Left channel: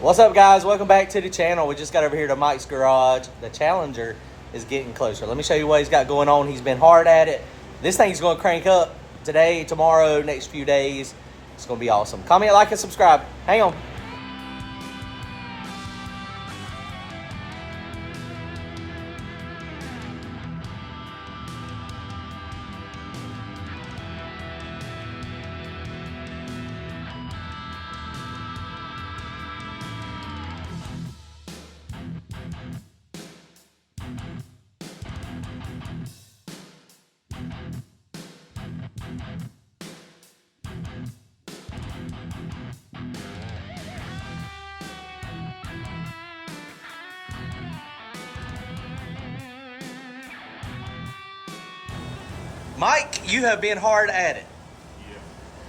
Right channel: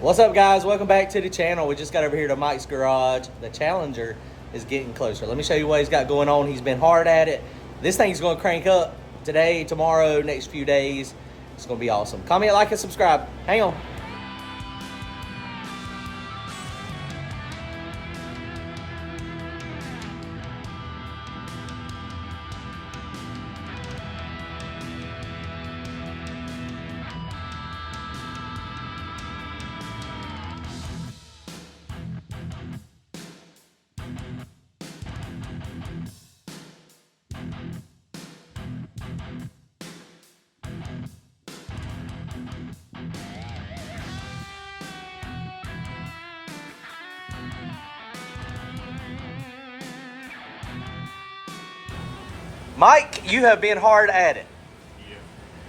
What's up, guys? Welcome back to the channel. We just got over here to Mike's garage. The Challenger is getting closer. Let me show you what he's got going on. He's been hard at it. This thing's going to crank up today, tomorrow, next few days. It's going to be awesome. Comment, like, and subscribe. Hang on. Mike, you have been hard at it. Yeah.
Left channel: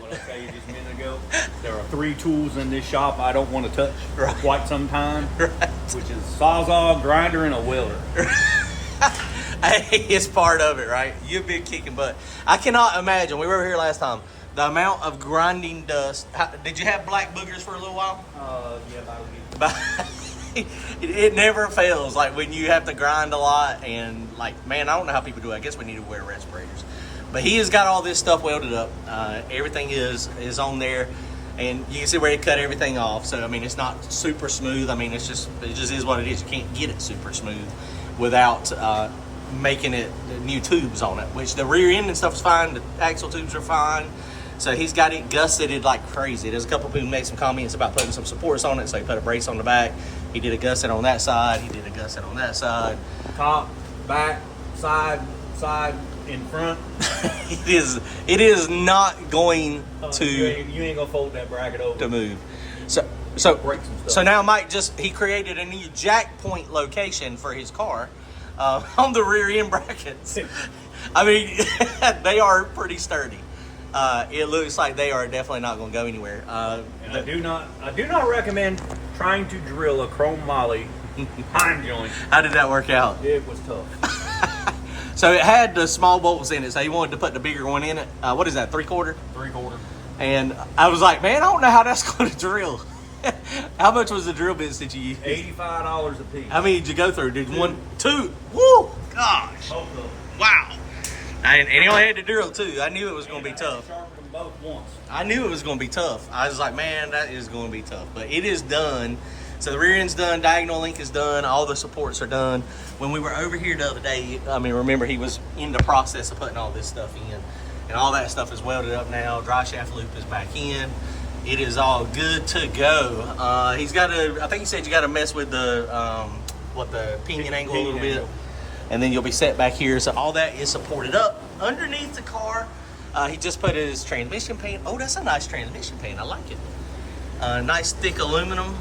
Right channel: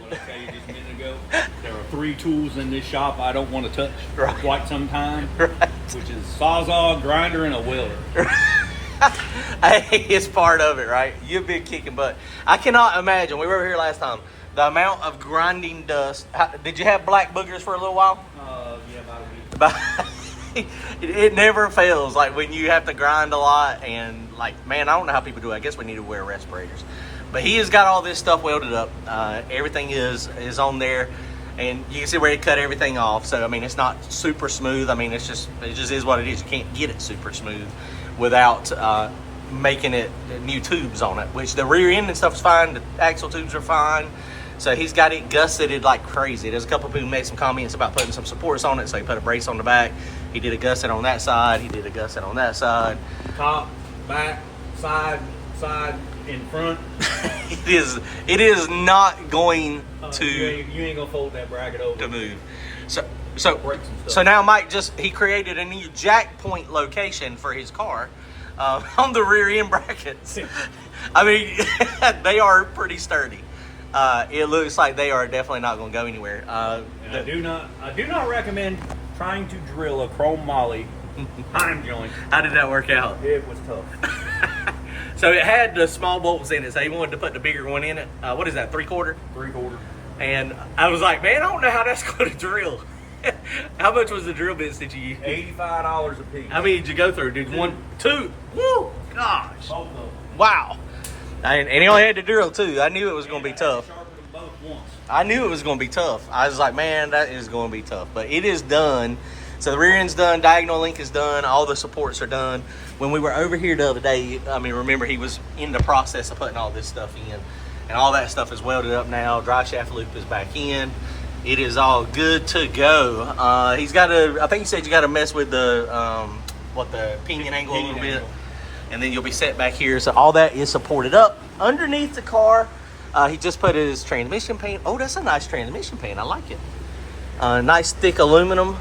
What I tell you just a minute ago, there are 3 tools in this shop I don't want to touch for quite some time, which is Sawzall, grinder, and a welder. Hey, it's part of it, right? You've been kicking butt. I cannot imagine. We were over here last time. The amount of grinding dust. Did you have black boogers for a little while? Yeah, about a week. It never fails. Like when you have to grind a lot, and like, man, I don't know how people do it. I guess we need to wear respirators. But he has got all this stuff welded up. Everything is on there, and you can see where he cut everything off. So I mean, it's not super smooth. I mean, it just is what it is. You can't get it super smooth without making it new tubes on it. Which the rear end and stuff is fine. The axle tubes are fine. So he's got it gusseted like crazy. There's a couple people who made some comments about putting some supports on it. So he put a brace on the back. He did a gusset on that side. He did a gusset on that side. Top, back, side, in front. It is not going to. You ain't gonna fold that bracket over to move. So now Mike he created a new jack point location for his car on the rear end brackets. I mean, they are pretty sturdy. It looks like they are definitely not going to go anywhere. I do not recommend trying to drill a chrome moly pine joint. How did that work out? It was tough. So it had the small bolts in it, so he wanted to put the bigger one in it. What is that, 3/4? 3/4. And I was like, man, I don't know how that's going to drill. How much was the drill bits that you used? $85 a piece. How many did you go through? Did 1, 2? Woo! Gosh. Both of them. Wow. And he only had to drill 2. I knew it was going to be tough. Sharpened them both once. I knew it was going to be tough. I was like, man, that is going to be tough. But it is done. So the rear end's done. Diagonal link is done. All the supports are done. When we were over here the other day, I mean, remember, he was in the process of putting all this stuff in. And all that stuff is welded up now. Dry shaft loop is back in. It is all good to go. He's got to, I think he said you got to mess with the, the pinion angle a little bit. And then you'll be set back here. So all that is supported up underneath the car. He just put his transmission pan. Oh, that's a nice transmission pan. I like it. Nice thick aluminum.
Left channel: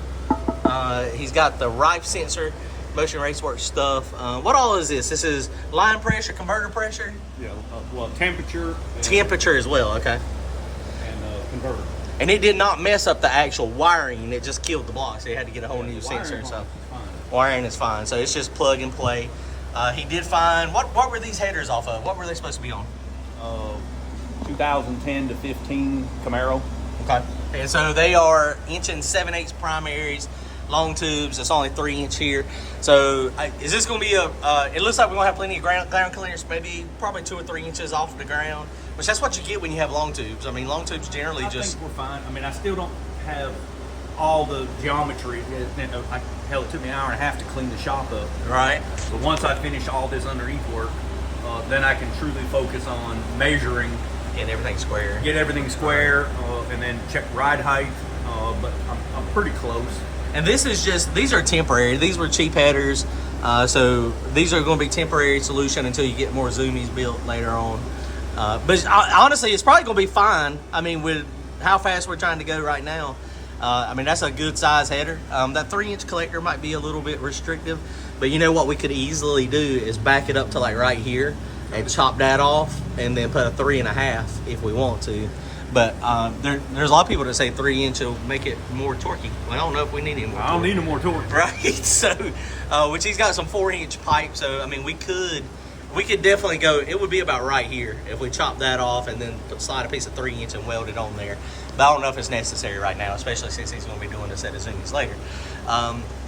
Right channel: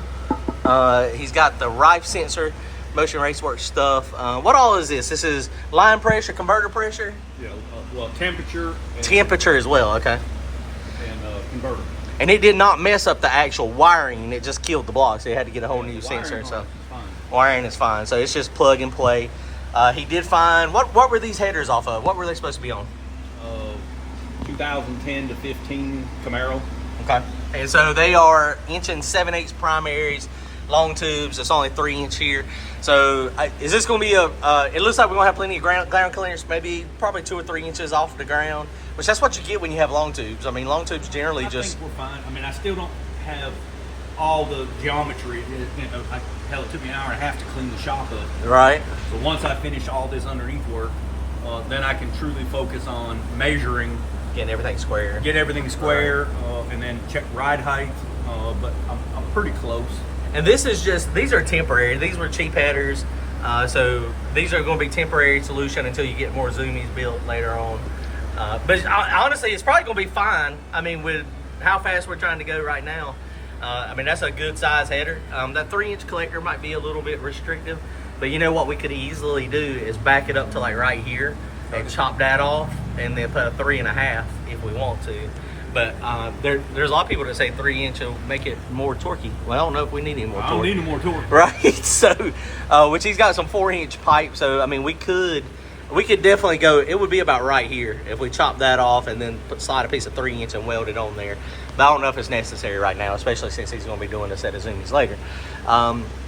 He's got the Rife sensor, Motion Raceworks stuff. What all is this? This is line pressure, converter pressure? Yeah, well, temperature. Temperature as well, okay. And converter. And it did not mess up the actual wiring. It just killed the block, so you had to get a whole new sensor and stuff. Wiring is fine, so it's just plug and play. He did find, what were these headers off of? What were they supposed to be on? 2010 to 15 Camaro. Okay. And so they are 1 7/8 primaries, long tubes. It's only 3 inch here. So is this going to be it looks like we're going to have plenty of ground clearance, maybe probably 2 or 3 inches off the ground, which that's what you get when you have long tubes. I mean, long tubes generally I think we're fine. I mean, I still don't have all the geometry. Hell, it took me an hour and a half to clean the shop up. Right. But once I finish all this underneath work, then I can truly focus on measuring. Get everything square. And then check ride height. But I'm pretty close. And this is these are temporary. These were cheap headers. So these are going to be temporary solution until you get more zoomies built later on. But honestly, it's probably going to be fine. I mean, with how fast we're trying to go right now, I mean, that's a good size header. That 3 inch collector might be a little bit restrictive, but you know what we could easily do is back it up to like right here and chop that off and then put a 3.5 if we want to. But there's a lot of people that say 3 inch will make it more torquey. Well, I don't know if we need any more torque. I don't need any more torque. Right? So, which he's got some 4 inch pipe. So, I mean, we could definitely go, it would be about right here if we chop that off and then slide a piece of 3 inch and weld it on there. But I don't know if it's necessary right now, especially since he's going to be doing this at his Zoomies later.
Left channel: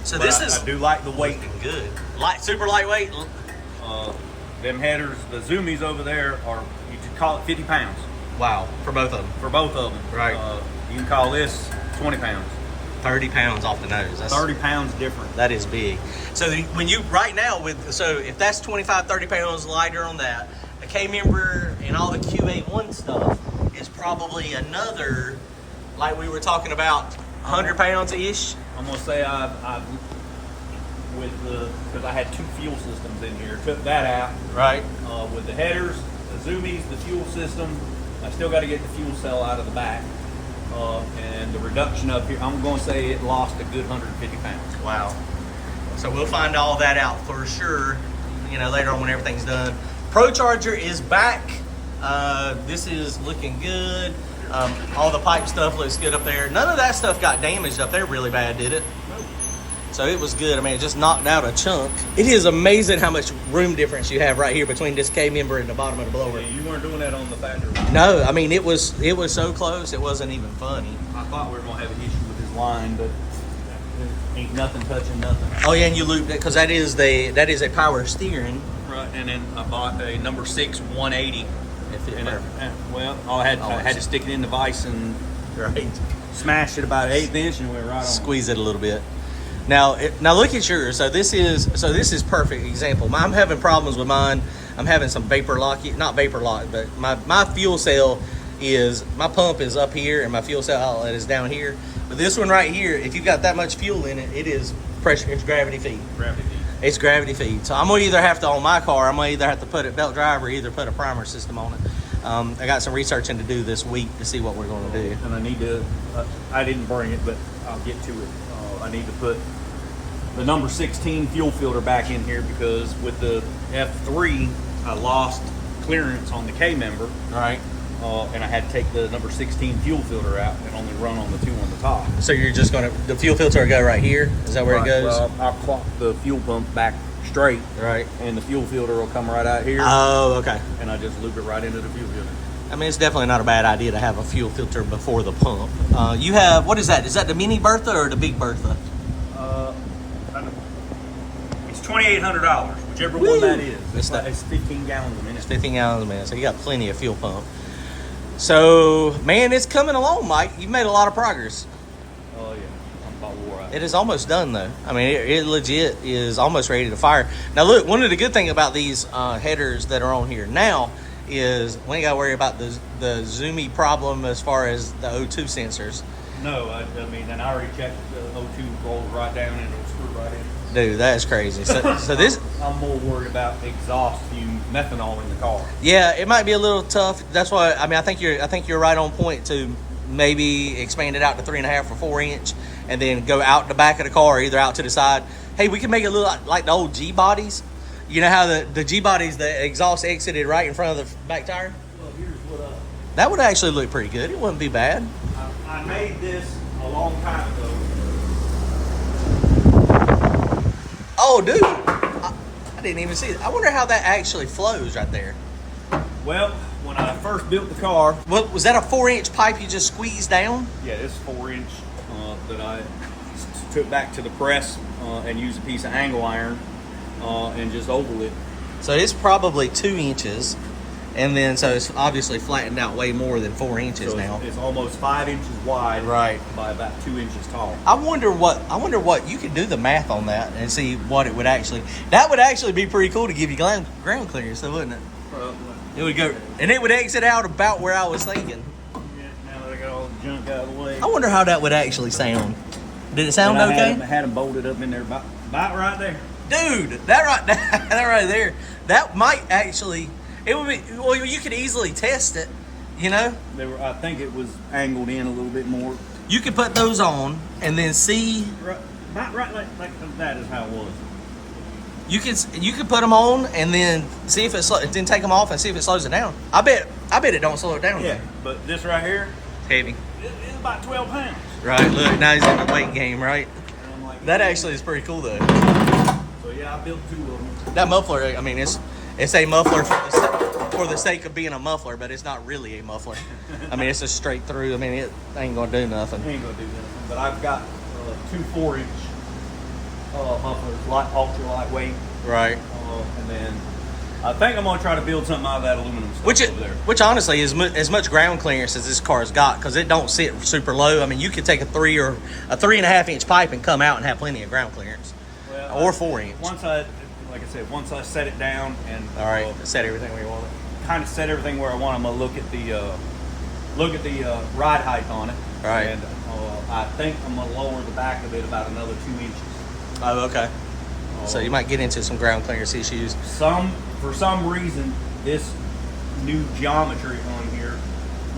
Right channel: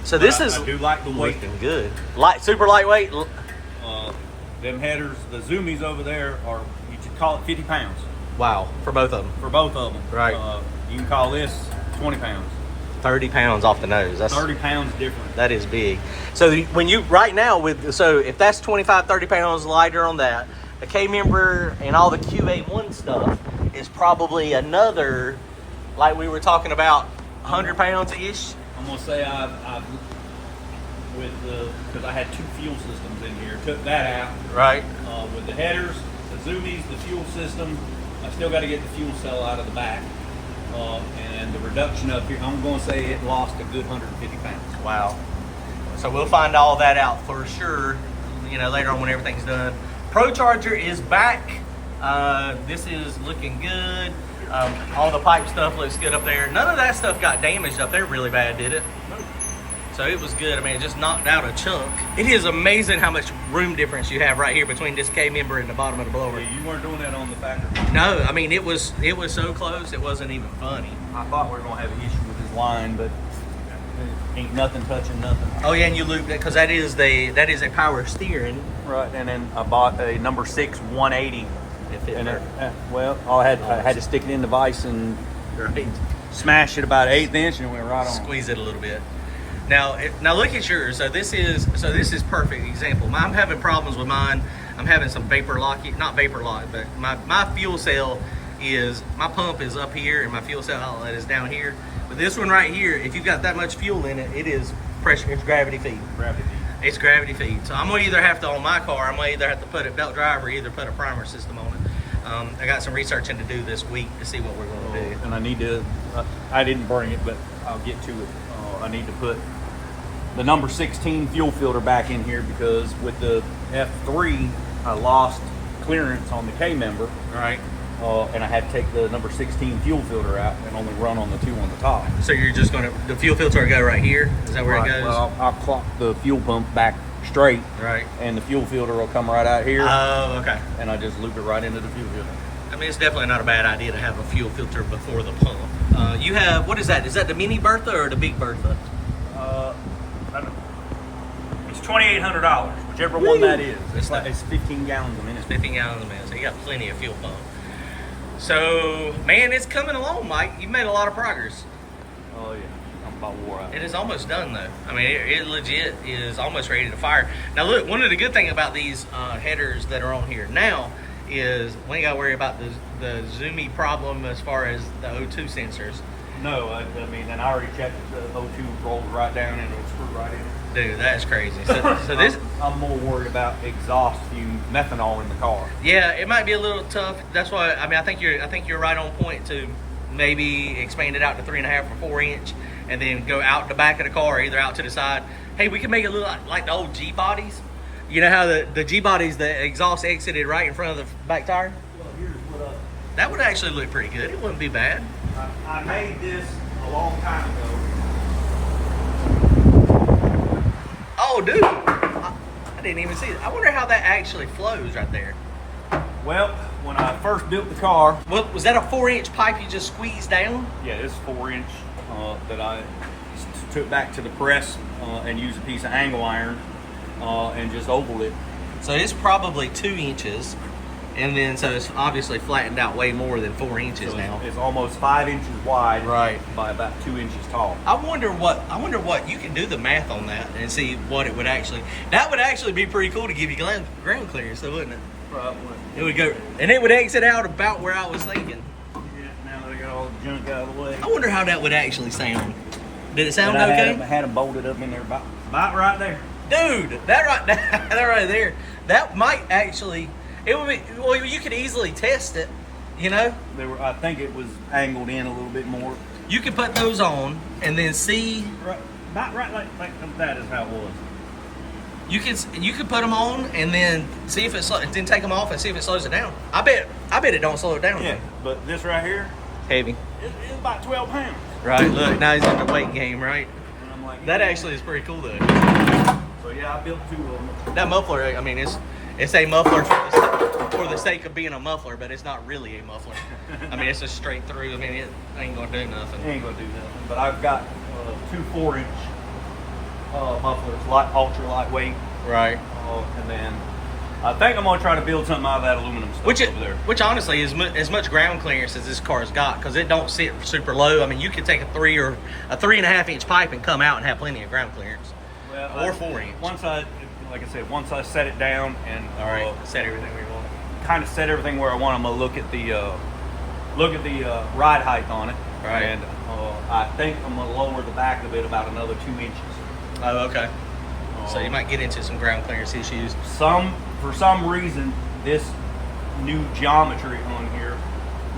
So this is I do like the weight. looking good. Super lightweight. Them headers, the Zoomies over there are, you could call it 50 pounds. Wow, for both of them. For both of them. Right. You can call this 20 pounds. 30 pounds off the nose. That's 30 pounds different. That is big. So when you right now so if that's 25, 30 pounds lighter on that, the K member and all the QA1 stuff is probably another, like we were talking about, 100 pounds ish. I'm gonna say I've because I had 2 fuel systems in here, took that out. Right. With the headers, the Zoomies, the fuel system, I still got to get the fuel cell out of the back. And the reduction up here, I'm going to say it lost a good 150 pounds. Wow. So we'll find all that out for sure, later on when everything's done. Procharger is back. This is looking good. All the pipe stuff looks good up there. None of that stuff got damaged up there really bad, did it? So it was good. I mean, it just knocked out a chunk. It is amazing how much room difference you have right here between this K member and the bottom of the blower. Yeah, you weren't doing that on the factory. No, I mean, it was so close, it wasn't even funny. I thought we were going to have an issue with this line, but ain't nothing touching nothing. Oh yeah, and you looped it, because that is a power steering. Right, and then I bought a number 6 180. If it I had to stick it in the vise and smash it about 1/8 inch, and we were right on. Squeeze it a little bit. Now look at yours. So this is perfect example. I'm having problems with mine. I'm having some vapor lock, not vapor lock, but my fuel cell my pump is up here and my fuel cell outlet is down here. But this one right here, if you've got that much fuel in it, it is pressure. It's gravity feed. It's gravity feed. So I'm gonna either have to, on my car, I'm gonna either have to put it belt drive or either put a primer system on it. I got some researching to do this week to see what we're gonna do. And I need to. I didn't bring it, but I'll get to it. I need to put the number 16 fuel filter back in here because with the F3, I lost clearance on the K member. All right. And I had to take the number 16 fuel filter out and only run on the 2 on the top. So you're just the fuel filter will go right here? Is that where it goes? Well, I'll plunk the fuel pump back straight. Right. And the fuel filter will come right out here. Oh, okay. And I just loop it right into the fuel filter. I mean, it's definitely not a bad idea to have a fuel filter before the pump. You have, what is that? Is that the mini Bertha or the big Bertha? It's $2,800, whichever one that is. It's 15 gallons a minute. It's 15 gallons a minute, so you got plenty of fuel pump. So, man, it's coming along, Mike. You've made a lot of progress. Oh, yeah. I'm about wore out. It is almost done, though. I mean, it legit is almost ready to fire. Now, look, one of the good things about these headers that are on here now is we ain't got to worry about the zoomy problem as far as the O2 sensors. No, I mean, and I already checked the O2 rolls right down and it'll screw right in. Dude, that's crazy. So this, I'm more worried about exhaust fume methanol in the car. yeah, it might be a little tough. That's why, I mean, I think you're right on point to maybe expand it out to 3.5 or 4 inch, and then go out the back of the car, either out to the side. Hey, we can make it look like the old G bodies. You know how the G bodies, the exhaust exited right in front of the back tire? Well, here's what That would actually look pretty good. It wouldn't be bad. I made this a long time ago. Oh, dude, I didn't even see it. I wonder how that actually flows right there. Well, when I first built the car, What was that, a 4-inch pipe you just squeezed down? yeah, this 4-inch that I took back to the press and used a piece of angle iron and just ovaled it. So it's probably 2 inches, and then so it's obviously flattened out way more than 4 inches So now. it's almost 5 inches wide, Right. by about 2 inches tall. I wonder what you could do the math on that and see what it would actually. That would actually be pretty cool to give you ground clearance, so wouldn't it? It would go, and it would exit out about where I was thinking. Yeah, now that I got all the junk out of the way. I wonder how that would actually sound. Did it sound And okay? I had them bolted up in there, about right there. Dude, that right there, that might actually. It would be. Well, you could easily test it. You know, I think it was angled in a little bit more. you could put those on and then see. Right, about right like that is how it was. You could put them on and then see if then take them off and see if it slows it down. I bet it don't slow it down. Yeah, though. but this right here, Heavy. it's about 12 pounds. Right. Look, now he's in the weight game. Right. That actually is pretty cool though. So yeah, I built 2 of them. That muffler. I mean, it's a muffler. for the sake of being a muffler, but it's not really a muffler. I mean, it's a straight through. I mean, it ain't gonna do nothing. It ain't gonna do nothing. But I've got 2 4-inch mufflers, ultra lightweight. Right. And then I think I'm gonna try to build something out of that aluminum stuff over there. Which honestly is as much ground clearance as this car's got, because it don't sit super low. I mean, you could take a 3 or a 3.5 inch pipe and come out and have plenty of ground clearance, or 4 inch. Once I set it down and set everything where you want it. kind of set everything where I want. I'm gonna look at the ride height on it, right? And I think I'm gonna lower the back of it about another 2 inches. Oh, okay. So you might get into some ground clearance issues. For some reason, this new geometry on here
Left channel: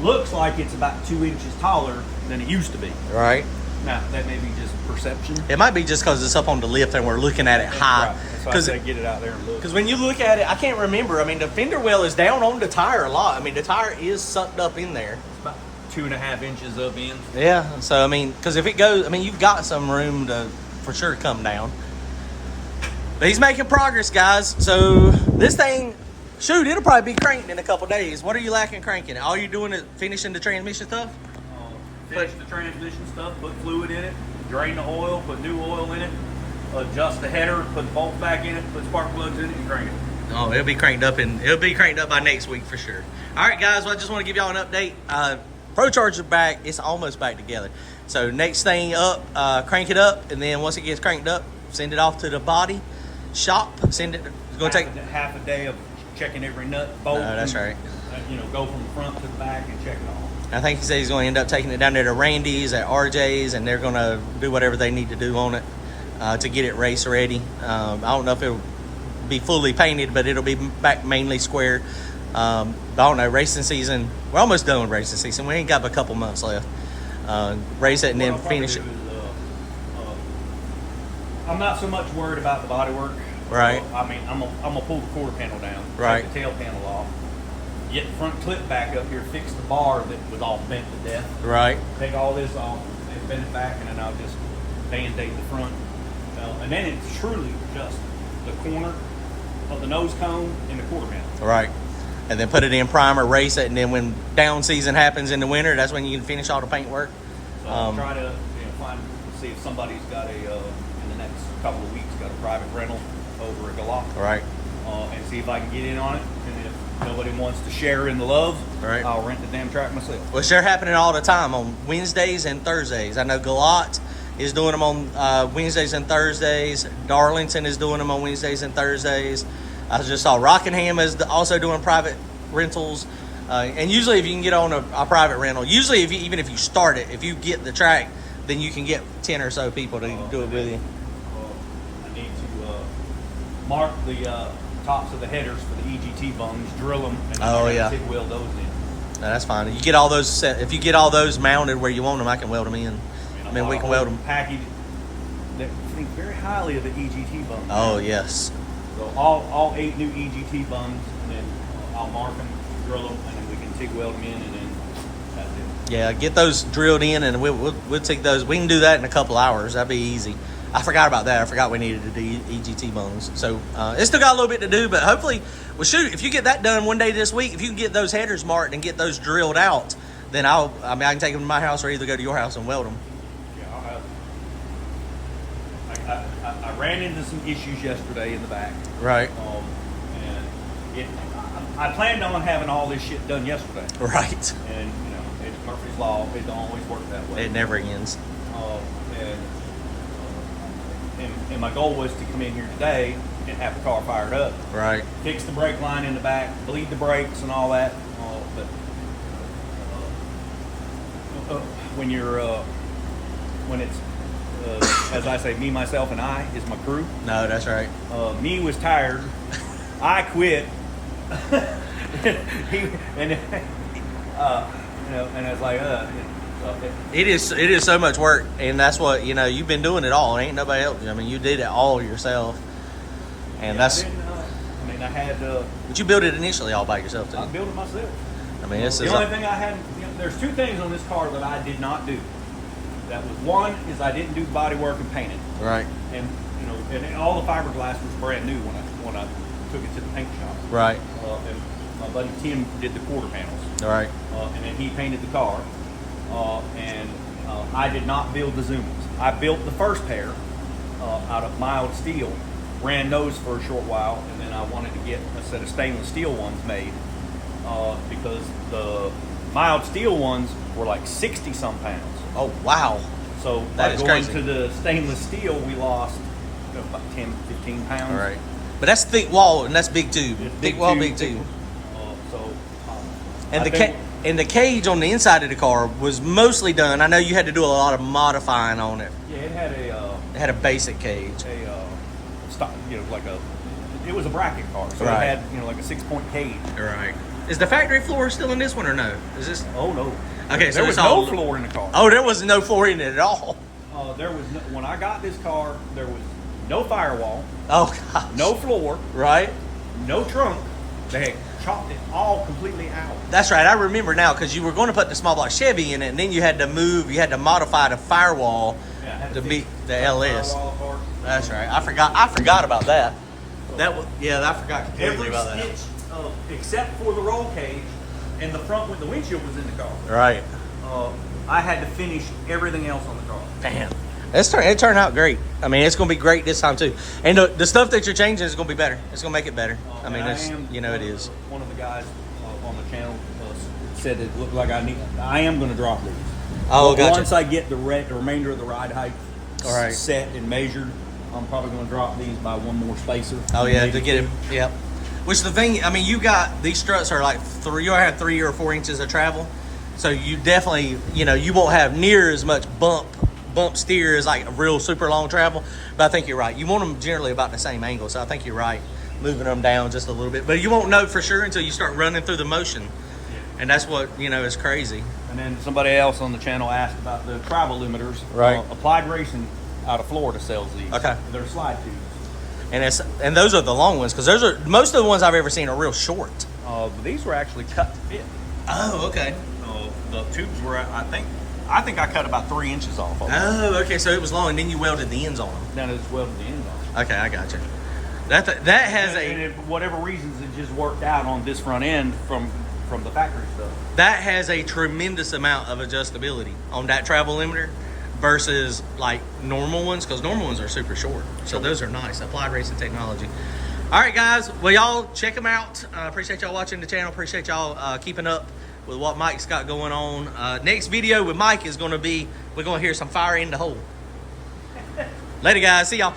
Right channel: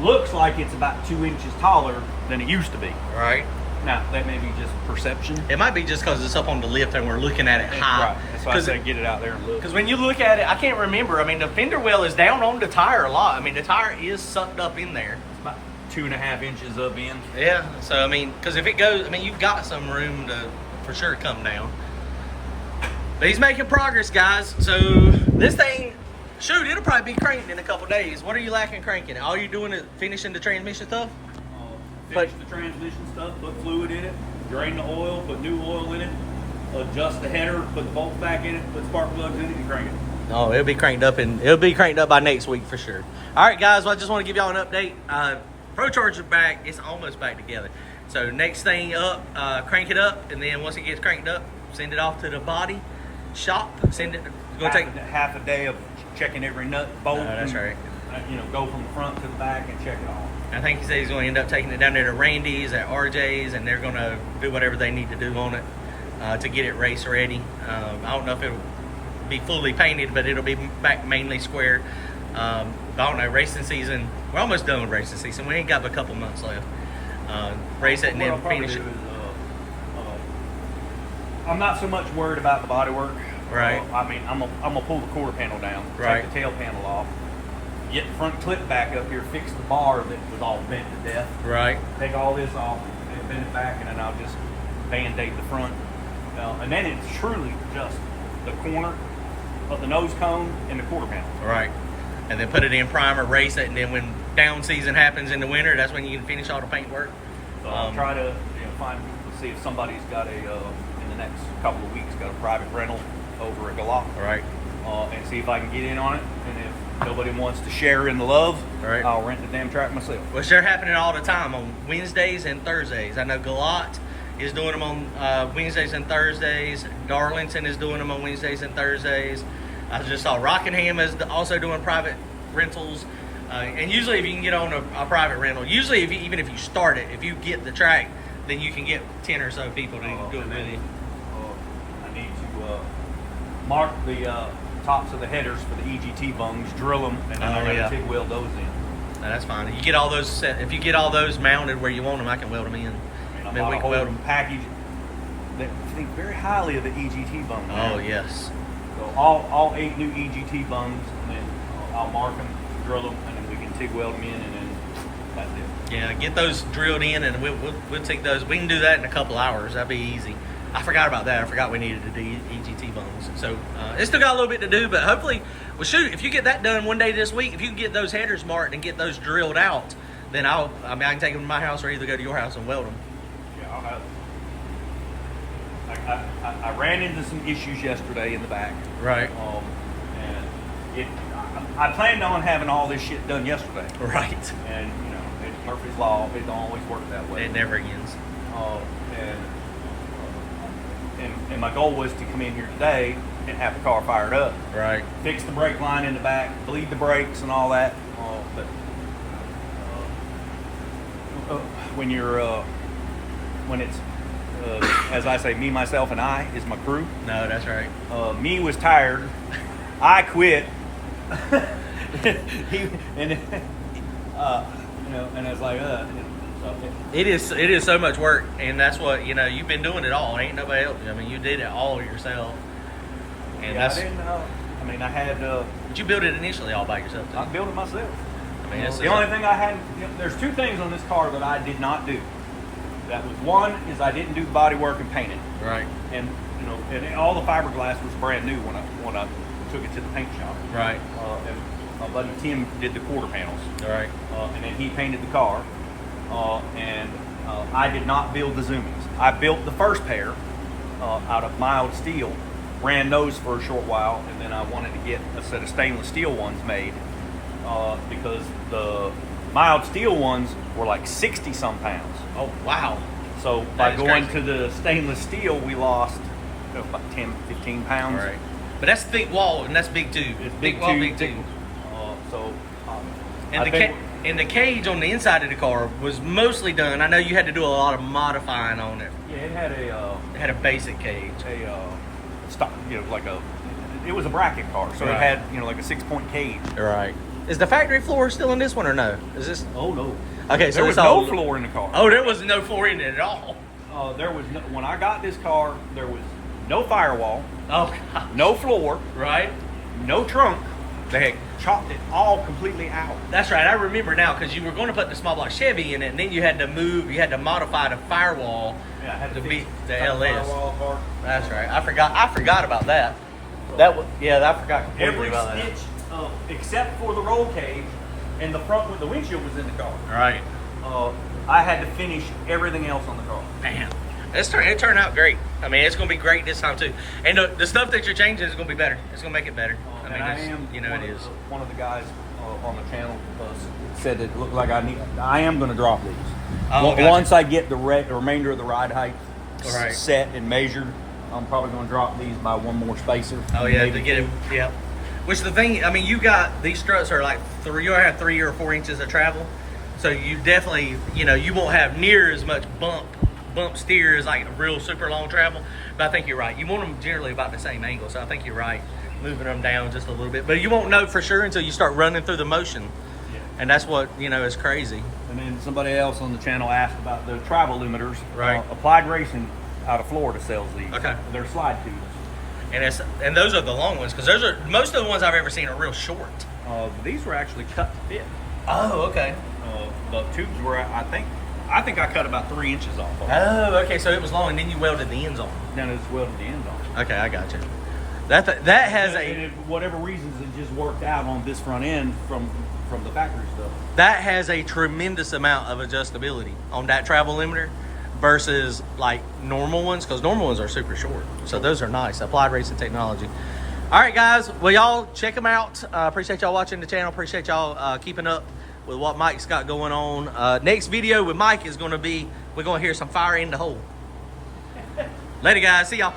looks like it's about 2 inches taller than it used to be. Right. Now, that may be just perception. It might be just because it's up on the lift and we're looking at it high. Right. That's why I say get it out there and look. Because when you look at it, I can't remember. I mean, the fender well is down on the tire a lot. I mean, the tire is sucked up in there. It's about 2.5 inches up in. Yeah. So, I mean, because if it goes, I mean, you've got some room to, for sure, come down. But he's making progress, guys. So, this thing, shoot, it'll probably be cranked in a couple days. What are you lacking cranking it? All you're doing is finishing the transmission stuff? Finish the transmission stuff, put fluid in it, drain the oil, put new oil in it, adjust the header, put the bolts back in it, put spark plugs in it, and crank it. Oh, it'll be cranked up by next week for sure. All right, guys. Well, I just want to give y'all an update. Procharged is back. It's almost back together. So next thing up, crank it up, and then once it gets cranked up, send it off to the body shop. Send it. It's gonna take half a day of checking every nut, bolt. No, that's right. Go from the front to the back and check it all. I think he said he's going to end up taking it down there to Randy's at RJ's, and they're going to do whatever they need to do on it to get it race ready. I don't know if it'll be fully painted, but it'll be back mainly square. I don't know, racing season, we're almost done with racing season. We ain't got but a couple months left. Race it and then finish it. I'm not so much worried about the bodywork. Right. I mean, I'm gonna pull the quarter panel down, right. Take the tail panel off, get the front clip back up here, fix the bar that was all bent to death. Right. Take all this off and bend it back, and then I'll just band-aid the front. And then it's truly just the corner of the nose cone and the quarter panel. Right. And then put it in primer, race it, and then when down season happens in the winter, that's when you can finish all the paint work. So I'll try to see if somebody's got in the next couple of weeks, got a private rental over at Galop. Right. And see if I can get in on it. And if nobody wants to share in the love, right, I'll rent the damn track myself. Well, they're happening all the time on Wednesdays and Thursdays. I know Galot is doing them on Wednesdays and Thursdays. Darlington is doing them on Wednesdays and Thursdays. I just saw Rockingham is also doing private rentals. And usually if you can get on a private rental, usually even if you start it, if you get the track, then you can get 10 or so people to do it with you. I need to mark the tops of the headers for the EGT bungs, drill them, and then I got to TIG weld those in. No, that's fine. You get all those set. If you get all those mounted where you want them, I can weld them in. I mean we can weld them. Package that think very highly of the EGT bungs. Oh yes. So all 8 new EGT bungs, and then I'll mark them, drill them, and then we can TIG weld them in, and then that's it. Yeah, get those drilled in, and we'll take those. We can do that in a couple hours. That'd be easy. I forgot about that. I forgot we needed to do EGT bones. So it's still got a little bit to do, but hopefully, well, shoot, if you get that done one day this week, if you can get those headers marked and get those drilled out, then I can take them to my house or either go to your house and weld them. Yeah, I'll have. I ran into some issues yesterday in the back. Right. And I planned on having all this shit done yesterday. Right. And it's Murphy's Law. It don't always work that way. It never ends. And my goal was to come in here today and have the car fired up. Right. Fix the brake line in the back, bleed the brakes and all that. But when it's as I say, me, myself, and I is my crew. No, that's right. Me was tired. I quit. And I was like, It is so much work, and that's what you've been doing it all. Ain't nobody else. I mean, you did it all yourself, and that's. I had. But you built it initially all by yourself. I built it myself. I mean, the only thing I had. There's 2 things on this car that I did not do. That was one is I didn't do the body work and paint it. Right. And and all the fiberglass was brand new when I took it to the paint shop. Right. And my buddy Tim did the quarter panels. All right. And then he painted the car. I did not build the zoomings. I built the first pair out of mild steel, ran those for a short while, and then I wanted to get a set of stainless steel ones made because the mild steel ones were like 60 some pounds. Oh, wow. So by going to the stainless steel, we lost about 10, 15 pounds. All right. But that's thick wall, and that's big too. Big wall, big tube. And the cage on the inside of the car was mostly done. I know you had to do a lot of modifying on it. Yeah, it had it had a basic cage. It was a bracket car, so right. It had like a 6-point cage. Right. Is the factory floor still in this one or no? Is this? Oh no. Okay, so there was no floor in the car. Oh, there was no floor in it at all. There was no, when I got this car, there was no firewall. Oh gosh. No floor. Right. No trunk. They had chopped it all completely out. That's right. I remember now because you were going to put the small block Chevy in it, and then you had to modify the firewall to beat the LS. That's right. I forgot about that. I forgot completely about that. Except for the roll cage and the front where the windshield was in the car. Right. I had to finish everything else on the car. Damn. It turned out great. I mean, it's going to be great this time too. And the stuff that you're changing is going to be better. It's going to make it better. It is. One of the guys on the channel said it looked like I am going to drop these. Oh, gotcha. Once I get the remainder of the ride height set and measured, I'm probably going to drop these by one more spacer. Oh yeah, to get it. Yep. Which the thing, I mean, you got these struts are like you have 3 or 4 inches of travel, so you definitely, you won't have near as much bump steer as like a real super long travel. But I think you're right. You want them generally about the same angle, so I think you're right, moving them down just a little bit. But you won't know for sure until you start running through the motion, and that's what is crazy. And then somebody else on the channel asked about the travel limiters. Right. Applied Racing out of Florida sells these. Okay. They're slide tubes. And those are the long ones because those are most of the ones I've ever seen are real short. But these were actually cut to fit. Oh, okay. The tubes were, I think I cut about 3 inches off of them. Oh, okay. So it was long, and then you welded the ends on them. Then it's welded the ends on. Okay, I got you. That has and for whatever reasons, it just worked out on this front end from the factory stuff. That has a tremendous amount of adjustability on that travel limiter versus like normal ones, because normal ones are super short. So those are nice. Applied Racing technology. All right, guys. Well, y'all check them out. Appreciate y'all watching the channel. Appreciate y'all keeping up with what Mike's got going on. Next video with Mike is going to be, we're going to hear some fire in the hole. Later, guys. See y'all.